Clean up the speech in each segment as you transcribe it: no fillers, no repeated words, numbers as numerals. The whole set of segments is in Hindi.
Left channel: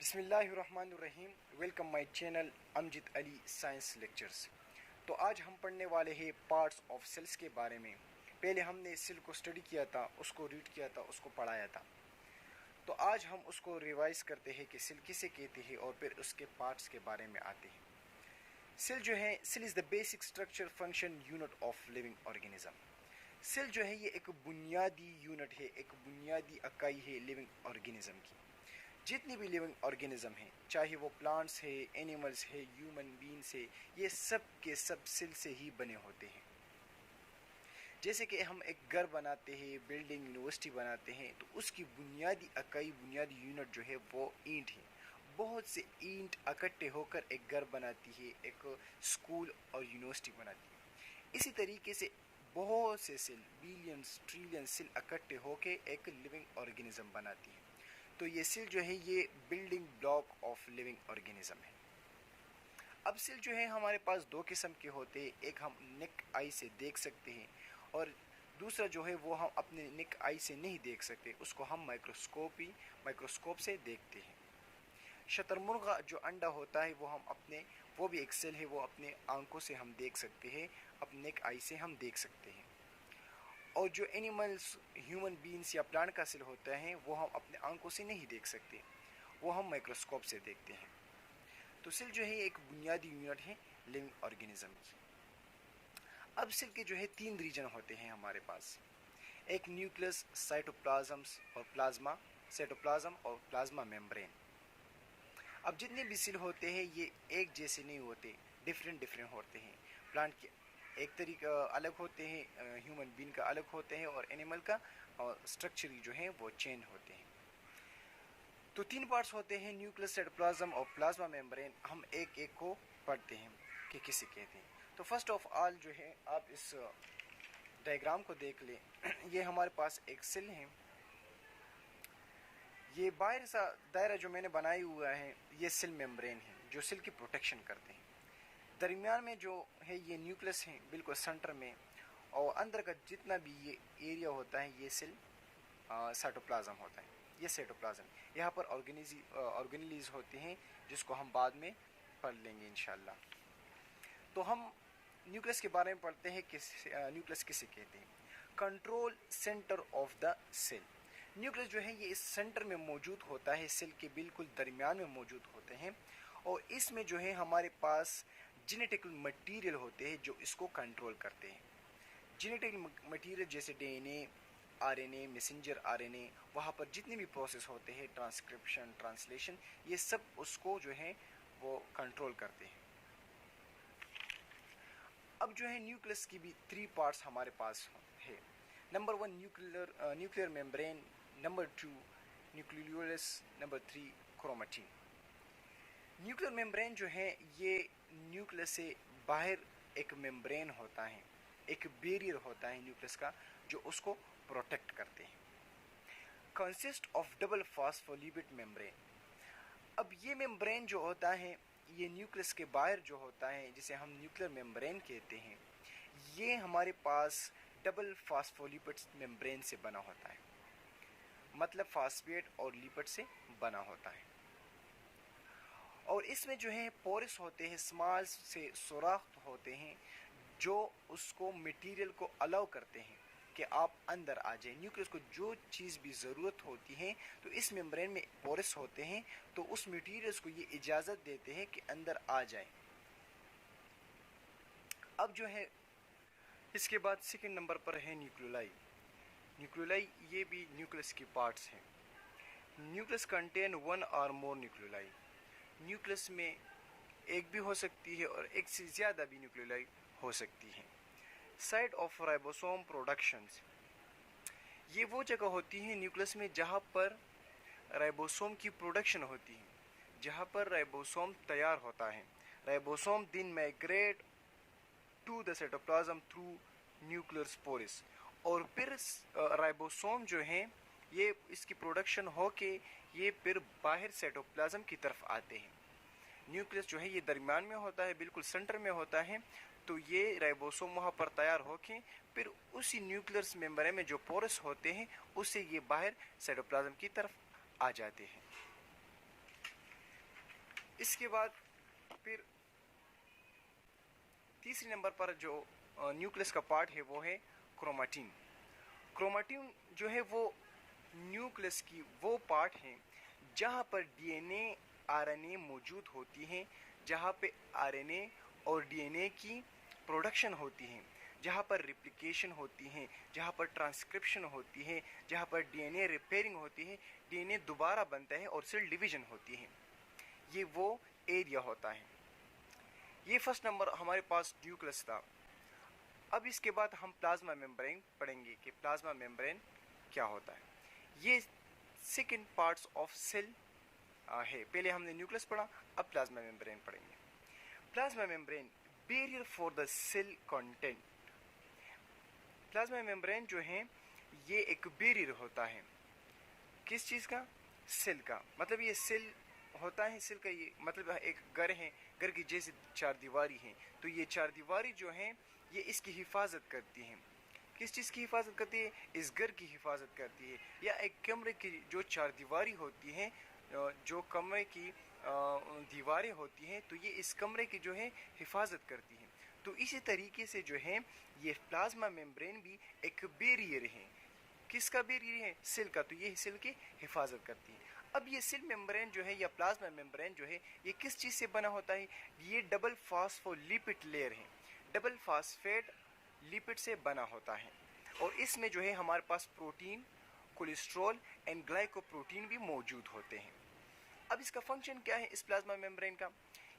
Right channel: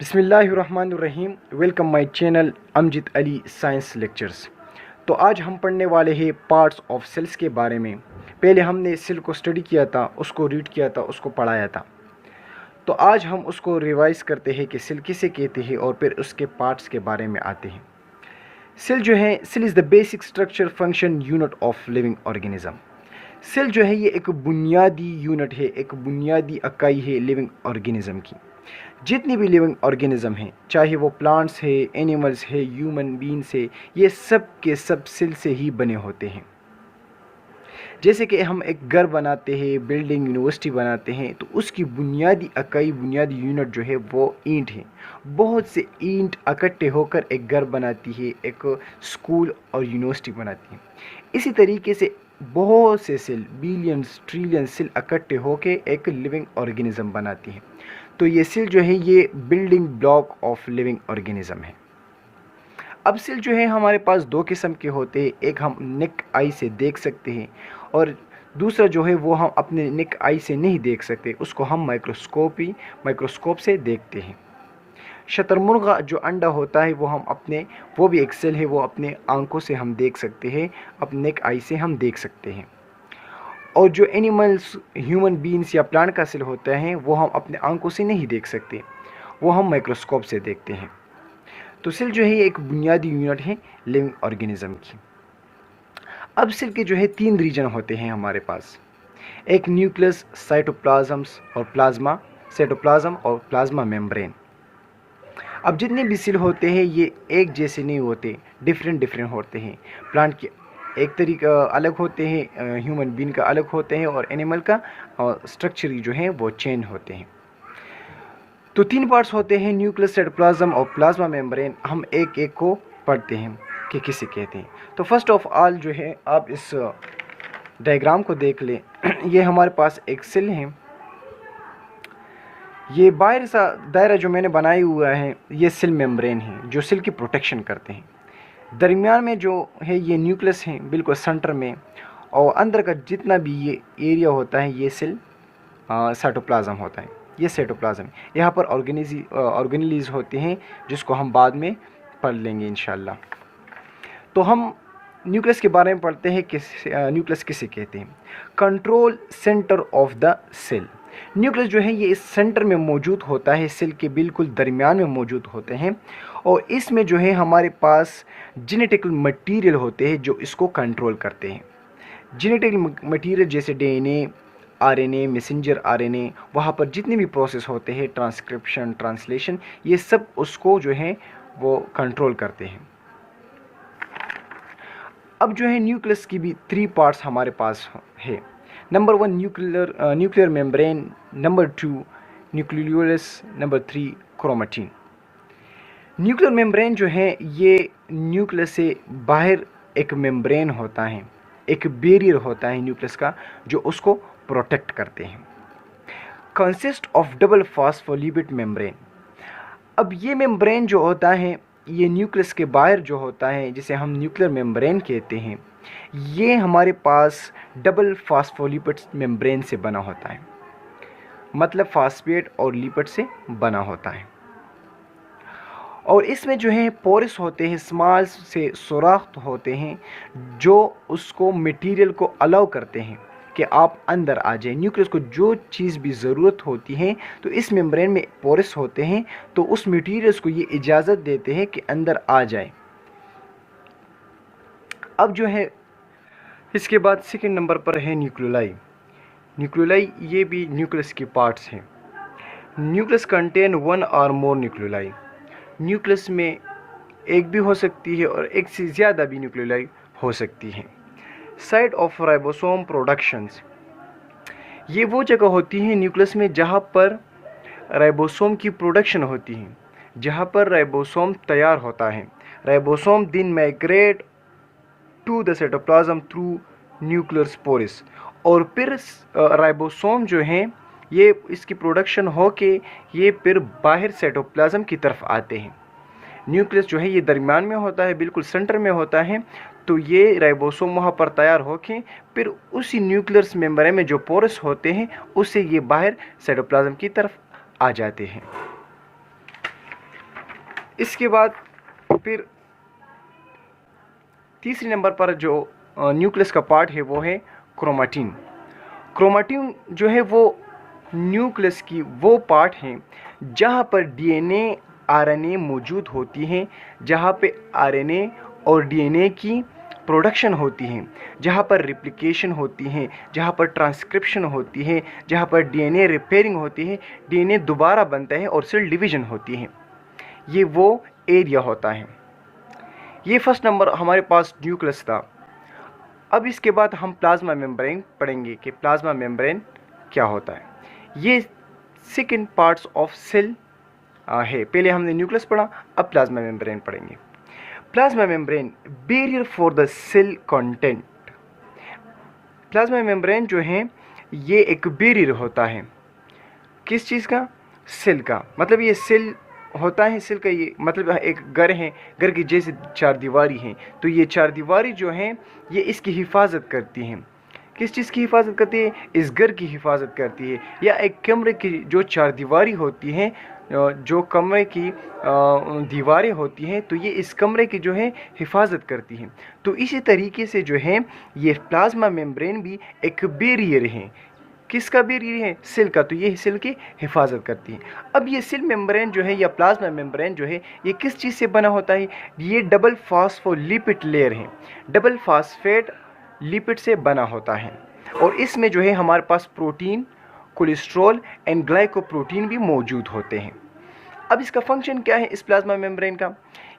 बिस्मिल्लाहिर्रहमानिर्रहीम। Welcome my channel Amjid Ali science lectures. तो आज हम पढ़ने वाले हैं पार्ट्स ऑफ सेल्स के बारे में। पहले हमने सेल को स्टडी किया था, उसको रीड किया था, उसको पढ़ाया था। तो आज हम उसको रिवाइज करते हैं कि सेल किसे कहते हैं और फिर उसके पार्ट्स के बारे में आते हैं। सेल जो है, cell is the basic structure function unit of living organism. Cell जो है ये एक बुनियादी यूनिट है, एक बुनियादी इकाई है लिविंग ऑर्गेनिज्म की। जितनी भी लिविंग ऑर्गेनिज्म हैं, चाहे वो प्लांट्स है, एनिमल्स है, ह्यूमन बींग्स है, ये सब के सब सेल से ही बने होते हैं। जैसे कि हम एक घर बनाते हैं, बिल्डिंग, यूनिवर्सिटी बनाते हैं, तो उसकी बुनियादी इकाई, बुनियादी यूनिट जो है वो ईंट है। बहुत से ईंट इकट्ठे होकर एक घर बनाती है, एक स्कूल और यूनिवर्सिटी बनाती है। इसी तरीके से बहुत से सेल, बिलियंस ट्रिलियन सेल इकट्ठे होकर एक लिविंग ऑर्गेनिज्म बनाती है। तो ये सेल जो है ये building block of living organism है। अब सेल जो है हमारे पास दो किस्म के होते हैं, एक हम नेक आई से देख सकते हैं और दूसरा जो है वो हम अपने नेक आई से नहीं देख सकते, उसको हम माइक्रोस्कोप से देखते हैं। शतरमुर्गा जो अंडा होता है वो भी एक सेल है, वो अपने आंखों से हम देख सकते हैं, अपने नेक आई से हम देख सकते हैं। और जो एनिमल्स, ह्यूमन बींग्स या प्लांट का सेल होता है वो हम अपने आंखों से नहीं देख सकते, वो हम माइक्रोस्कोप से देखते हैं। तो सेल जो है ये एक बुनियादी यूनिट है लिविंग ऑर्गेनिज्म की। अब सेल के जो है तीन रीजन होते हैं हमारे पास, एक न्यूक्लियस, साइटोप्लाज्म्स और प्लाज्मा, साइटोप्लाज्म और प्लाज्मा मेम्ब्रेन। अब जितने भी सेल होते हैं ये एक जैसे नहीं होते, डिफरेंट होते हैं। प्लांट के एक तरीका अलग होते हैं, ह्यूमन बीइंग का अलग होते हैं और एनिमल का स्ट्रक्चर जो है वो चेंज होते हैं। तो तीन पार्ट्स होते हैं, न्यूक्लियस, साइटोप्लाज्म और प्लाज्मा मेम्ब्रेन। हम एक एक को पढ़ते हैं कि किसे कहते हैं। तो फर्स्ट ऑफ ऑल जो है आप इस डायग्राम को देख लें। ये हमारे पास एक सेल है, ये बाहर सा दायरा जो मैंने बनाया हुआ है ये सेल मेम्ब्रेन है जो सेल की प्रोटेक्शन करते हैं। दरमियान में जो है ये न्यूक्लियस है बिल्कुल सेंटर में, और अंदर का जितना भी ये एरिया होता है ये सेल साइटोप्लाज्म होता है, ये साइटोप्लाज्म। यहाँ पर ऑर्गेनेलीज होते हैं जिसको हम बाद में पढ़ लेंगे इंशाल्लाह। तो हम न्यूक्लियस के बारे में पढ़ते हैं कि न्यूक्लियस किसे कहते हैं। Control centre of the cell. Nucleus जो है ये इस सेंटर में मौजूद होता है, सेल के बिल्कुल दरमियान में मौजूद होते हैं, और इसमें जो है हमारे पास जेनेटिकल मटेरियल होते हैं जो इसको कंट्रोल करते हैं। जेनेटिकल मटेरियल जैसे डीएनए, आरएनए, मैसेंजर आरएनए, वहाँ पर जितने भी प्रोसेस होते हैं, ट्रांसक्रिप्शन, ट्रांसलेशन, ये सब उसको जो है वो कंट्रोल करते हैं। अब जो है न्यूक्लियस की भी थ्री पार्ट्स हमारे पास है। Number one nuclear membrane, number two nucleolus, number three chromatin. Nuclear membrane जो है ये न्यूक्लियस से बाहर एक मेम्ब्रेन होता है, एक बैरियर होता है न्यूक्लियस का जो उसको प्रोटेक्ट करते हैं। Consist of double phospholipid membrane. अब ये मेम्ब्रेन जो होता है ये न्यूक्लियस के बाहर जो होता है जिसे हम न्यूक्लियर मेम्ब्रेन कहते हैं, ये हमारे पास डबल फॉस्फोलिपिड मेम्ब्रेन से बना होता है, मतलब फॉस्फेट और लिपिड से बना होता है। और इसमें जो है पोरस होते हैं, स्मॉल से सुराख होते हैं जो उसको मटेरियल को अलाउ करते हैं कि आप अंदर आ जाए। न्यूक्लियस को जो चीज़ भी ज़रूरत होती है तो इस मेम्ब्रेन में पोरस होते हैं, तो उस मटेरियल्स को ये इजाज़त देते हैं कि अंदर आ जाए। अब जो है इसके बाद सेकंड नंबर पर है न्यूक्लियोलाई। न्यूक्लियोलाई ये भी न्यूक्लियस की पार्ट्स हैं। न्यूक्लियस कंटेन वन और मोर न्यूक्लियोलाई। न्यूक्लियस में एक भी हो सकती है और एक से ज़्यादा भी न्यूक्लियोलाई हो सकती है। साइट ऑफ राइबोसोम प्रोडक्शंस, ये वो जगह होती है न्यूक्लियस में जहाँ पर राइबोसोम की प्रोडक्शन होती है, जहाँ पर राइबोसोम तैयार होता है। Ribosome then migrate to the cytoplasm through nuclear pores, और फिर राइबोसोम जो हैं ये इसकी प्रोडक्शन हो के ये फिर बाहर साइटोप्लाज्म की तरफ आते हैं। न्यूक्लियस जो है ये दरमियान में होता है, बिल्कुल सेंटर में होता है, तो ये राइबोसोम वहाँ पर तैयार होके फिर उसी न्यूक्लियस मेम्ब्रेन में जो पोरस होते हैं उससे ये बाहर साइटोप्लाज्म की तरफ आ जाते हैं। इसके बाद फिर तीसरे नंबर पर जो न्यूक्लियस का पार्ट है वो है क्रोमेटिन। क्रोमेटिन जो है वो न्यूक्लियस की वो पार्ट है जहाँ पर डीएनए आरएनए मौजूद होती हैं, जहाँ पे आरएनए और डीएनए की प्रोडक्शन होती है, जहाँ पर रिप्लिकेशन होती है, जहाँ पर ट्रांसक्रिप्शन होती है, जहाँ पर डीएनए रिपेयरिंग होती है, डीएनए दोबारा बनता है और सेल डिवीजन होती है। ये वो एरिया होता है। ये फर्स्ट नंबर हमारे पास न्यूक्लियस था। अब इसके बाद हम प्लाज्मा मेम्ब्रेन पढ़ेंगे कि प्लाज्मा मेम्ब्रेन क्या होता है। ये सेकेंड पार्ट्स ऑफ सेल है। पहले हमने न्यूक्लियस पढ़ा, अब प्लाज्मा मेम्ब्रेन पढ़ेंगे। Plasma membrane barrier for the cell content. Plasma membrane जो है ये एक बैरियर होता है, किस चीज़ का? सेल का। मतलब ये सेल होता है, सेल का ये मतलब एक घर है, घर की जैसे चार दीवारी हैं, तो ये चार दीवारी जो हैं ये इसकी हिफाजत करती हैं। किस चीज़ की हिफाजत करती है? इस घर की हिफाजत करती है। या एक कमरे की जो चार दीवारी होती हैं, जो कमरे की दीवारें होती हैं, तो ये इस कमरे की जो है हिफाजत करती हैं। तो इसी तरीके से जो है ये प्लाज्मा मेम्ब्रेन भी एक बैरियर है। किसका बैरियर है? सेल का। तो ये सेल की हिफाजत करती है। अब ये सेल मेम्ब्रेन जो है या प्लाज्मा मेम्ब्रेन जो है ये किस चीज़ से बना होता है? ये डबल फॉस्फोलिपिड लेयर है, डबल फॉस्फेट लिपिड से बना होता है। और इसमें जो है हमारे पास प्रोटीन, कोलेस्ट्रॉल एंड ग्लाइकोप्रोटीन भी मौजूद होते हैं। अब इसका फंक्शन क्या है इस प्लाज्मा मेम्ब्रेन का?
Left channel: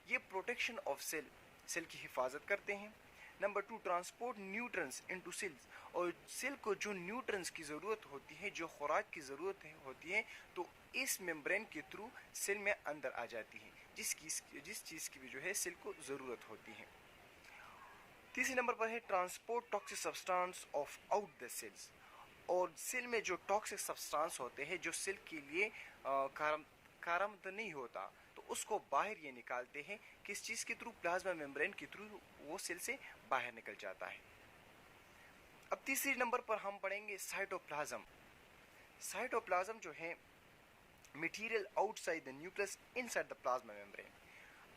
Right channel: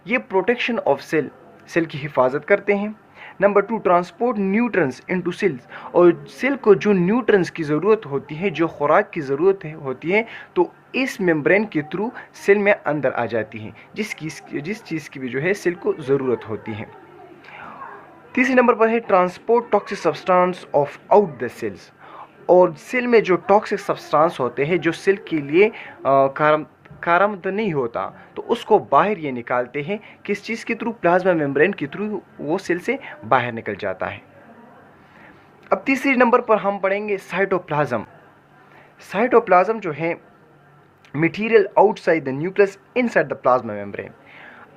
ये प्रोटेक्शन ऑफ सेल, सेल की हिफाजत करते हैं। Number 2, transport nutrients into cells. और सेल को जो न्यूट्रंस की ज़रूरत होती है, जो खुराक की ज़रूरत होती है, तो इस मेम्ब्रेन के थ्रू सेल में अंदर आ जाती है, जिस चीज़ की भी जो है सेल को ज़रूरत होती है। तीसरे नंबर पर है transport toxic substance of out the cells. और सेल में जो टॉक्सिक सब्सटेंस होते हैं जो सेल के लिए कारगर नहीं होता, तो उसको बाहर ये निकालते हैं। किस चीज़ के थ्रू? प्लाज्मा मेम्ब्रेन के थ्रू वो सेल से बाहर निकल जाता है। अब तीसरे नंबर पर हम पढ़ेंगे साइटोप्लाज्म। साइटोप्लाज्म जो है material outside the nucleus inside the plasma membrane.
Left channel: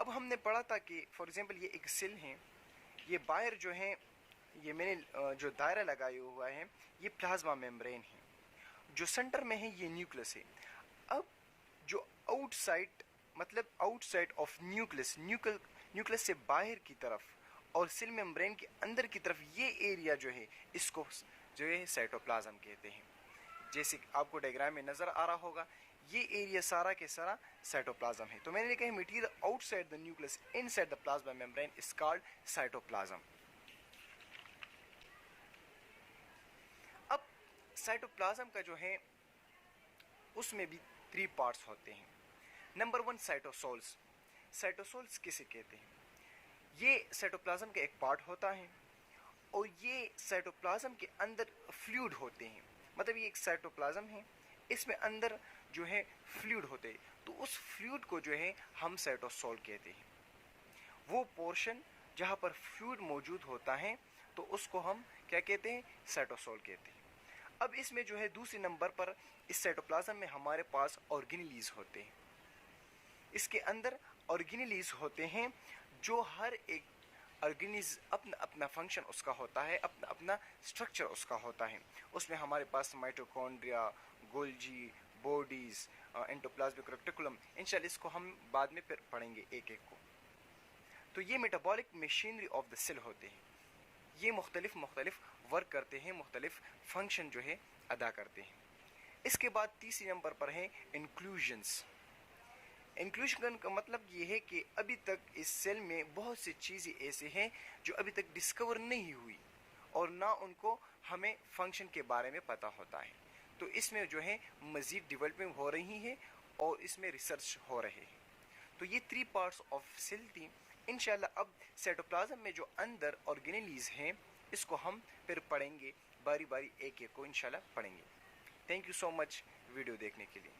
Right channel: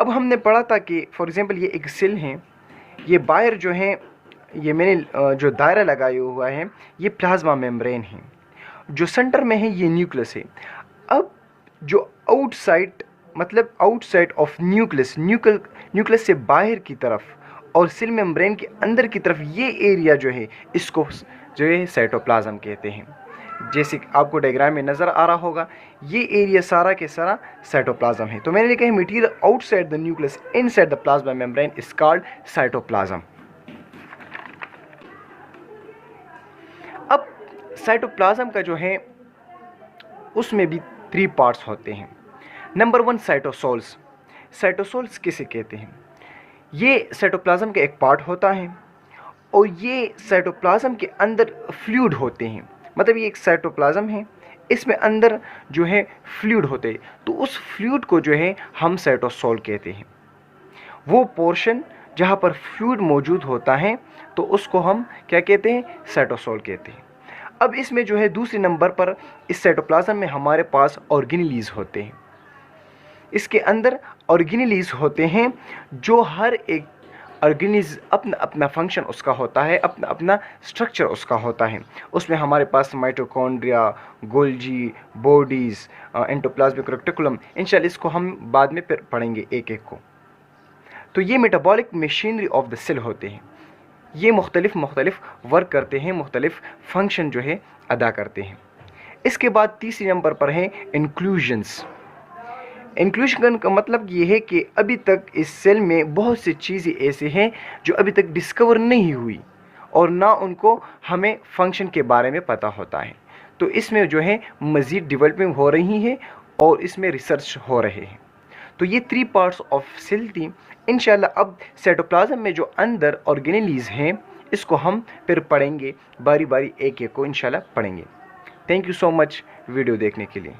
अब हमने पढ़ा था कि फॉर एग्जांपल ये एक सेल है, ये बाहर जो है ये मैंने जो दायरा लगाया हुआ है ये प्लाज्मा मेम्ब्रेन है, जो सेंटर में है ये न्यूक्लियस है। अब जो आउटसाइड मतलब आउटसाइड ऑफ न्यूक्लियस, न्यूक्लियस से बाहर की तरफ और सेल मेम्ब्रेन के अंदर की तरफ ये एरिया जो है इसको जो है साइटोप्लाज्म कहते हैं। जैसे आपको डायग्राम में नज़र आ रहा होगा, ये एरिया सारा के सारा साइटोप्लाज्म है। तो मैंने लिखा है material outside the nucleus inside the plasma membrane is called cytoplasm. अब साइटोप्लाज्म का जो है उसमें भी 3 पार्ट्स होते हैं। नंबर 1, साइटोसोल्स। साइटोसोल्स किसे कहते हैं? ये साइटोप्लाज्म का एक पार्ट होता है और ये साइटोप्लाज्म के अंदर फ्लूइड होते हैं। मतलब ये एक साइटोप्लाज्म है, इसमें अंदर जो है फ्लूइड होते हैं, तो उस फ्लूइड को जो है हम साइटोसोल कहते हैं। वो पोर्शन जहाँ पर फ्लूइड मौजूद होता है तो उसको हम क्या कहते हैं? साइटोसोल कहते हैं। अब इसमें जो है दूसरे नंबर पर इस साइटोप्लाज्म में हमारे पास ऑर्गेनेलीज होते हैं। इसके अंदर ऑर्गेनेलीज होते हैं, जो हर एक ऑर्गेनीज अपना अपना फंक्शन उसका होता है, अपना अपना स्ट्रक्चर उसका होता है। उसमें हमारे पास mitochondria, Golgi, bodies, endoplasmic reticulum, इंशाल्लाह इसको हम बाद में फिर पढ़ेंगे एक एक को। तो ये metabolic machinery of the cell होते हैं। ये मुख्तलिफ वर्क करते हैं, मुख्तलिफ फंक्शन जो है अदा करते हैं। इसके बाद तीसरे नंबर पर है इंक्लूजन्स। इंक्लूजन का मतलब ये है कि अभी तक इस सेल में बहुत सी चीज़ें ऐसे हैं जो अभी तक डिस्कवर नहीं हुई और ना उनको हमें फंक्शन के बारे में पता होता है। तो इसमें जो है मज़ीद डेवलपमेंट हो रही है और इसमें रिसर्च हो रहे हैं। तो ये 3 पार्ट्स ऑफ सेल थी। इंशाल्लाह अब साइटोप्लाज्म में जो अंदर ऑर्गेनेलीज हैं इसको हम फिर पढ़ेंगे, बारी बारी एक एक को इंशाल्लाह पढ़ेंगे। Thank you so much video देखने के लिए।